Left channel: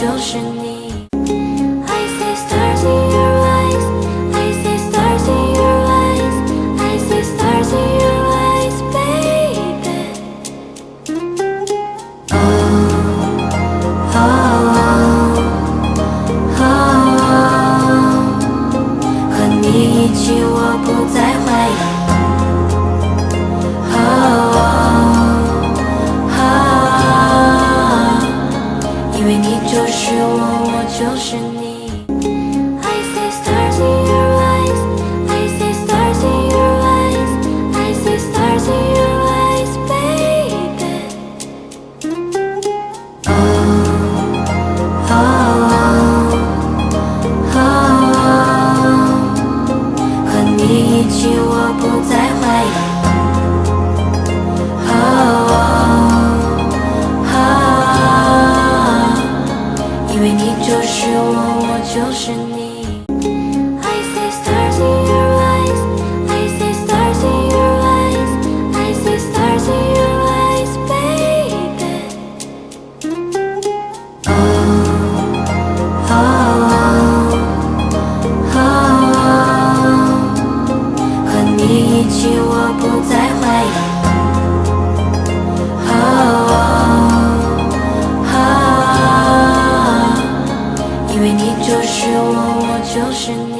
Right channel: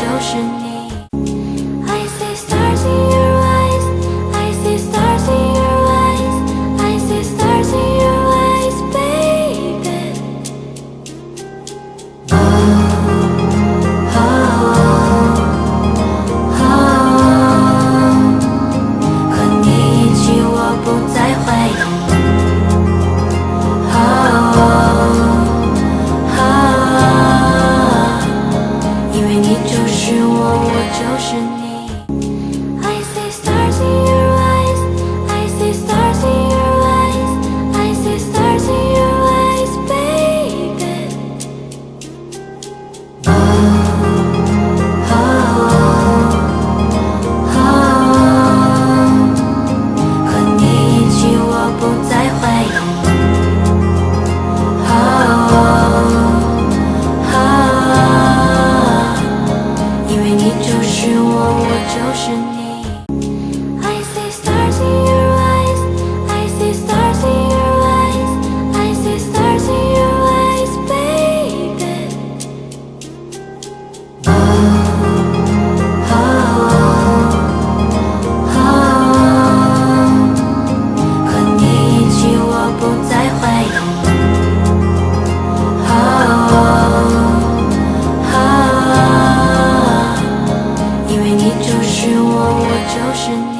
就是你。I see stars in your eyes, I see stars in your eyes, I see stars in your eyes, baby. Oh, oh, oh, oh. 和你一起我不再怀疑。因为你就是我，我就是你。I see stars in your eyes, I see stars in your eyes, I see stars in your eyes, baby. Oh, oh, oh, oh. 和你一起我不再怀疑。因为你就是我，我就是你。I see stars in your eyes, I see stars in your eyes, I see stars in your eyes, baby. Oh, oh, oh, oh. 和你一起我不再怀疑。因为你就是我，我就是你。